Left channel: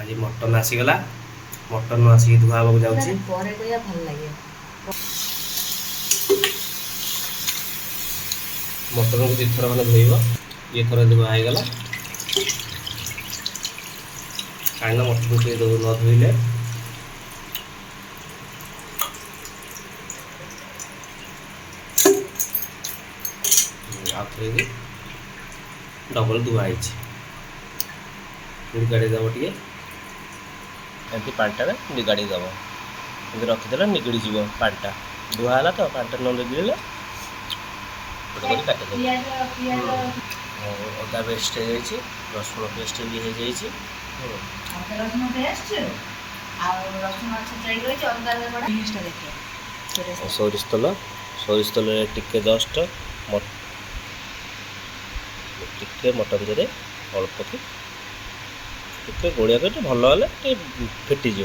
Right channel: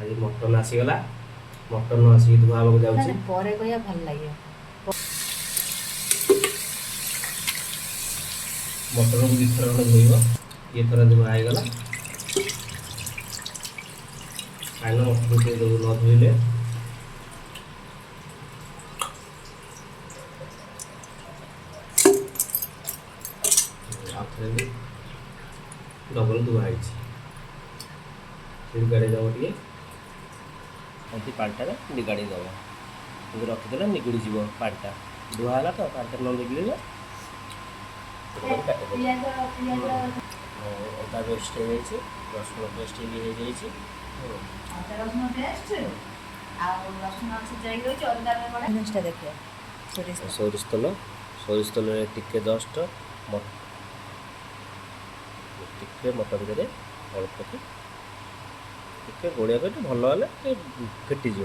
आज mutton आसीगला mutton आसिक धुआ हवा जाऊँगी पर कहया भल लगे मटन को दुई थर खंडे धोब ये थर धुआ होगला कहीं मटन के न धोइले आउे डबल धुआई निगाड़ी दब टे एमती पाटा निगाड़ी दब रखीदे निगड़ी जीव पाटा धुआला तो पाटा न निगड़े अदा पेस्ट हो रसुण पेस्ट भी हो सोरिष तेल टिके जस्ट टिके मटन दे अल्प कि टिके गोलिया कर भल हेल्ले फिटिज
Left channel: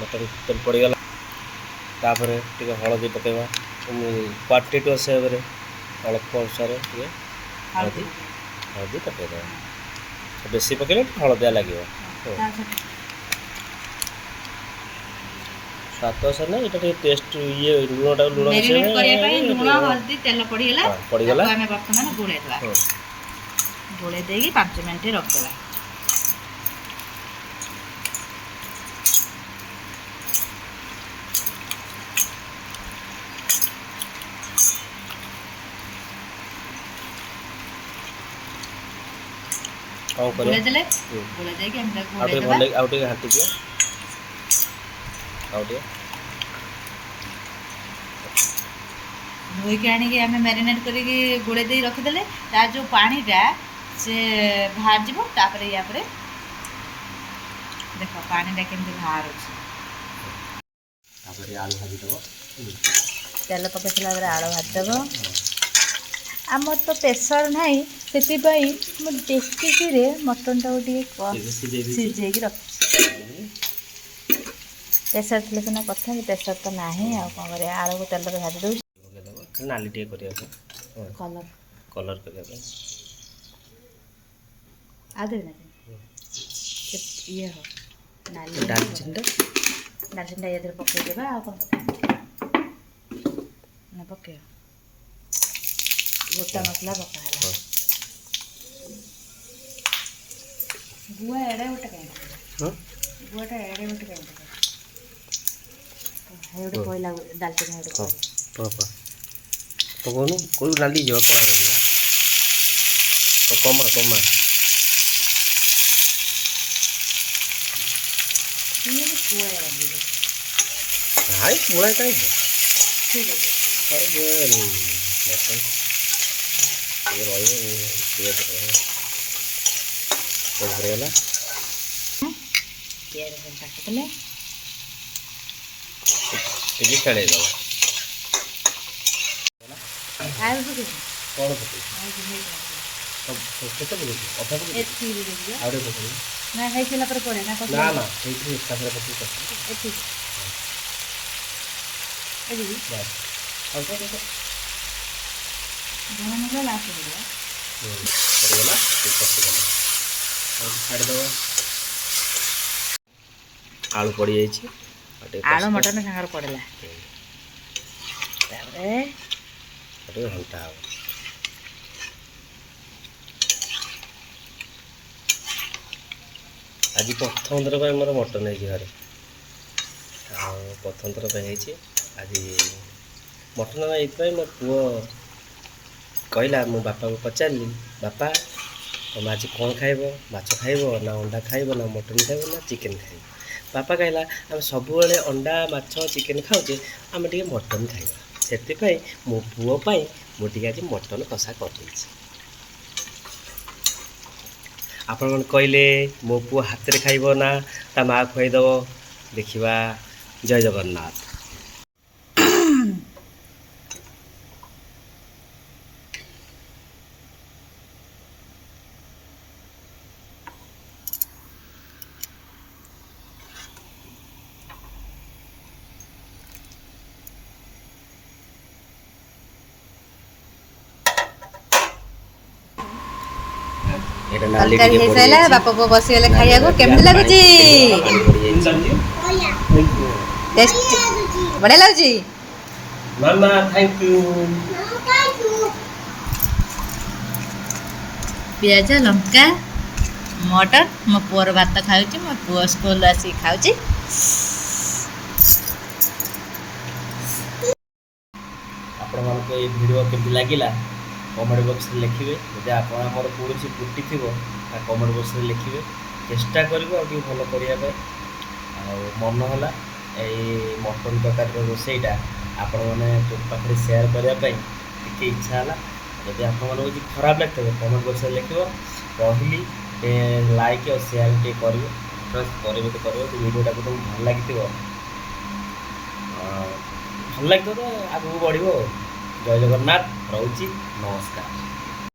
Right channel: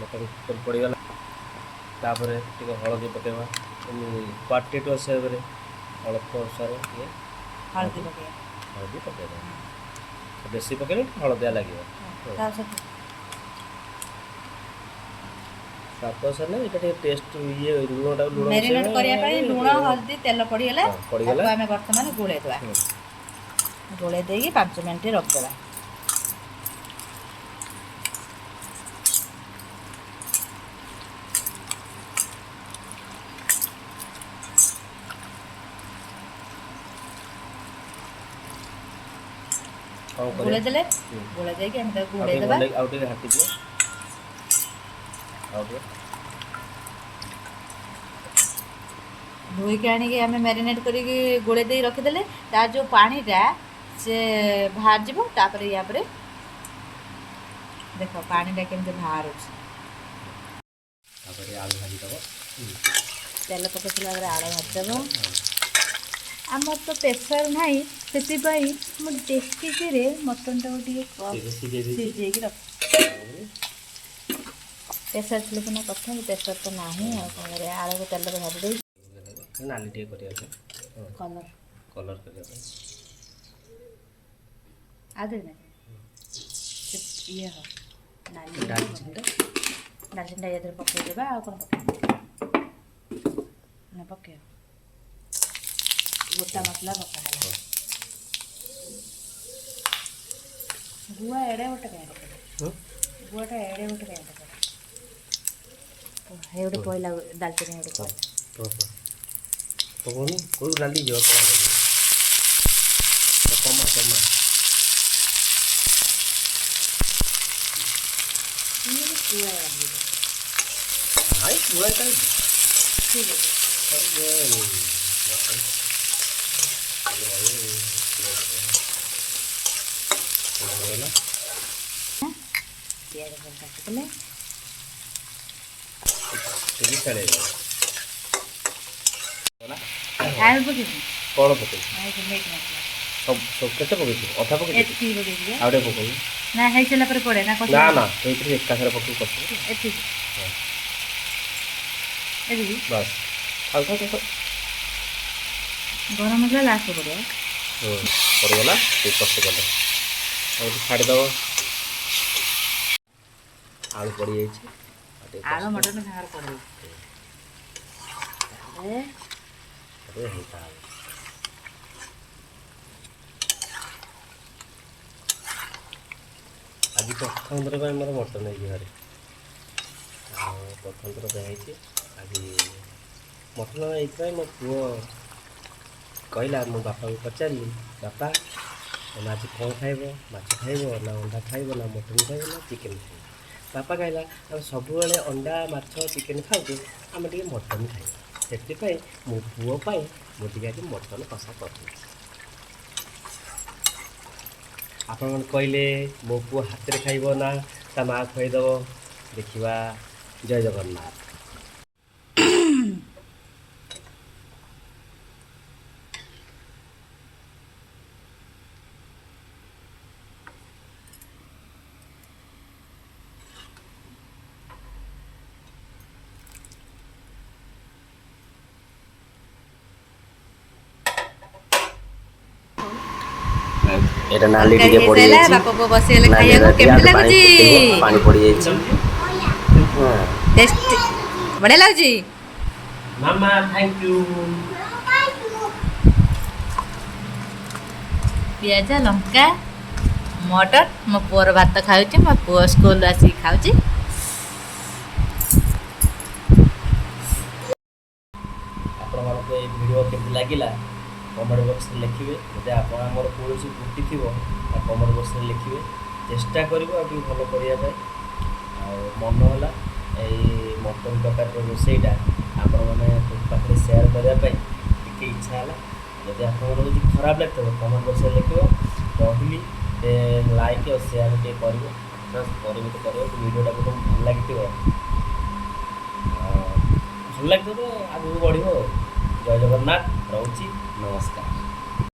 मटन तेल पड़गला तापर टे हलदी पकेवा क्वांटिटी हिसाब से अल्प अनुसार हलदी पकईदे बेसी पकड़े हलदिया लगे स्वाद अनुसार ना ये टेस्ट ये लुणटा लुण लुण हल्दी तेल पड़गला आम बर्तमान गोलैदे गोलै दे 5 मिनट रखदेवा गोलै देले गोलै दे कि हम गोलै देबा आउ टे हाटी दियो आउ टे धोई के आनी के हमें मैरिनेट करके गोले दे रखिदेले तार जो पानीटा से बाहर जीव तापर या पर देख पानीटा केमती बाहर आलू भाजी दब तेल पकई सारा आलू भाजी दब आमर तो प्रेसर नाई से डेक्ची मटन टाइम सीझे रख प्रेसर थे सीना कथा प्रेसर तो ना कौन कर आलू को तेल भाजी दे नाली टे कलर कलर करने आदे ये हो नाली दालचीनी ये पकईदेवा आ कौन पके गोटा मसला पकाला गुआ एड़े गोटे कहीं गुआटा एड़े गोटे कहीं गोटे कहला दालचीनी गोटे पकौन कौ नाली जो कम कम हाई पुआ ठीक है प्याज काटिदेले खेल आलू पकई कौन पकई मीट मसला सब केते पकई अधा पकई एती रे दियो आउटे पकई ना है चला पर पड़े ना ना ना एठी एक साथ पकई करते एती एदी बस हल्का तो गरम मसला लास्ट पड़े पड़गला कष्ट कल और छाड़ दब आलू पड़ जाइए आलू मटन सागर पड़ला हल्का हम आज प्रथम थर पर मोर मटन है घर प्रथम थर पर आज मटन ये मो पुओ कहला मो बापा को पचारि बापा तुम आज कौन खाइब माछ खाइब ना अंडा खाइब ना मटन खाइब ना चिकेन खाइब बापा कहला आम सब अंडा माछ चिकेन खाऊे आम टे मटन खाइबा से मो पुओ मुझे आज मटन कषा कर आपण मन कहले मो पुओ हाथ में खाइब ना ता माँ खुआईदेव देखा जय जगन्नाथ। ଏଇଟା ନାଲି ତରକାରୀ ଟିକେ ପଡ଼ି ହେଇସାରିଲା ଯାଇଛି। ବାପା ପୁଅ ବସିଗଲେ ନାଲି ଖାଇବାକୁ। ଟିକେ କେମିତି ଆମେ ପାଣି ଲାଗୁଛି? ଫୁଟେଇବୁ, ପାଣି ପଡ଼ି ଯାଇଛି। ଟେଷ୍ଟ ବଢ଼ିଆ ଲାଗୁଛି। ମାମା ଥ୍ୟାଙ୍କ ୟୁ। ପିଆଜ ଲଙ୍କା ମଟର। ମୋ ପୁଅର ଭାତ ଖାଉଛି, ମୋ ପୁଅ ସ୍କୁଲରୁ ଆସିକି ଖାଉଛି। ଆପଣମାନଙ୍କୁ ଏଇ ଭିଡ଼ିଓ କେମିତି ଲାଗିଲା କମେଣ୍ଟ ବକ୍ସରେ ଲେଖିବେ। ଯଦି ଆପଣ ଆମର କୌଣସି ତ୍ରୁଟି ଥିବ ତା କମେଣ୍ଟ ବକ୍ସରେ ଲେଖିବେ। ଚେଷ୍ଟା କରିବୁ ଆଉ ଟିକେ ଭଲ କରିବା ପାଇଁ। ଆଉ ମନ ହେଲା ଏଇ ମଟନ ତରକାରୀର ରୋଷେଇଟା ଆପଣମାନେ ପାଖରେ ସେୟାର କରିବା ପାଇଁ ଟିକେ ଇଚ୍ଛା ହେଲା। ଯଦି ଆପଣମାନଙ୍କୁ କିଛି ଖରାପ ଲାଗିଥିବ କମେଣ୍ଟ ବକ୍ସରେ ଲେଖିବ। ରହିଲି ଟିକେ ଲାଇକ୍ ଆଉ ସେୟାର ଟିକେ କରିବେ। କରିବେ ତ କରିବେ। ଭିଡ଼ିଓଟାକୁ ତୁମକୁ ଭଲ ଲାଗିଥିବ, ଭଲ ଲାଗିଥିବ ତ ଆଗକୁ ବଢ଼ିବ ଆଉ। ଜୟ ଜଗନ୍ନାଥ, ରହୁଛି, ନମସ୍କାର।